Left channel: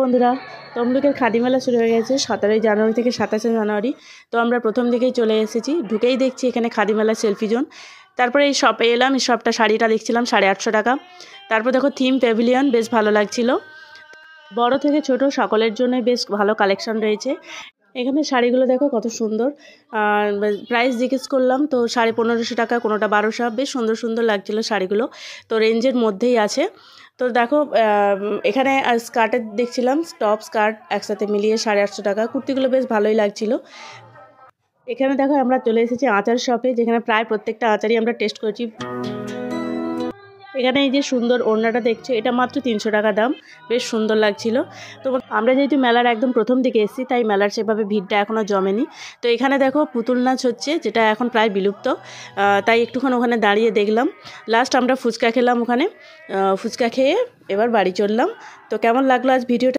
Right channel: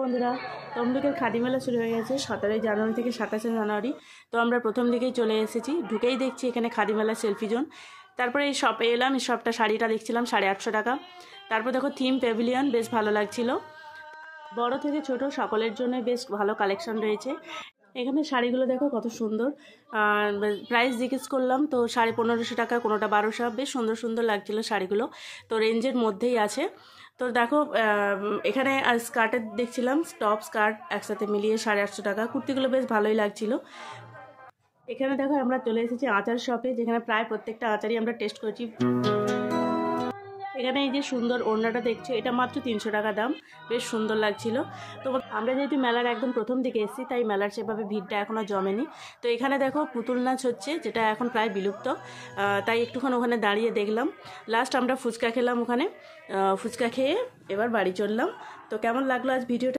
বন্ধুরা, তমলুকের খাদি মেলা শুরু হয়ে গেছে 17 জানুয়ারি থেকে 27 জানুয়ারি। তো আমরা প্রথম দিকেই চলে এসেছি, ঢুকেই দেখছি এখানে খাদি মেলা সেলফি জোন। তারপরে এই শপে এলাম, এই শপটা শাড়িটা দেখছিলাম 850 টাকা। তারপর দেখো থিম প্যাভিলিয়ন, বেশ ভালো লাগছিল। বড় থেকে ছোট সকলের জন্য বেশ ভালো কালেকশন রয়েছে। এখানে শাড়িগুলো দেখো কত সুন্দর। প্রাইস জিজ্ঞেস করলাম তো 1550 টাকা, কোনোটা 1200। বেশ সুন্দর সুন্দর লাগছিল শাড়িগুলো, তো রেঞ্জের মধ্যেই আছে। তো দেখো এখানে স্কার্টের দেখছিলাম, টপ স্কার্ট একসাথে মিলিয়ে 850 টাকা। কুর্তিগুলো বেশ ভালোই লাগছিল। এখানে দেখো আমরা চলে এসেছি আচার শপে, যেখানে প্রায় প্রত্যেকটা আচারই আমরা টেস্ট করেছি। এখানে এই যে সুন্দর ওড়নাটা দেখছো, এটা মাত্র 300 টাকা দাম, বেশ সুন্দর লাগছিল। তো আমরা যেহেতু মেলার একদম প্রথম দিকে এসেছি, তাই মেলার সেভাবে ভিড়টা এখনও জমেনি। তো এখানে দেখো পুতুল নাচ হচ্ছে, যেটা এখন প্রায় বিলুপ্ত, তাই একটুক্ষণ ওখানে দাঁড়িয়ে দেখলাম। লাস্ট আমরা ফুচকা খেলাম ওখানে, ফুচকা খেয়ে এবার বাড়ি চললাম। তো কেমন লাগলো আজ ভিডিওটা?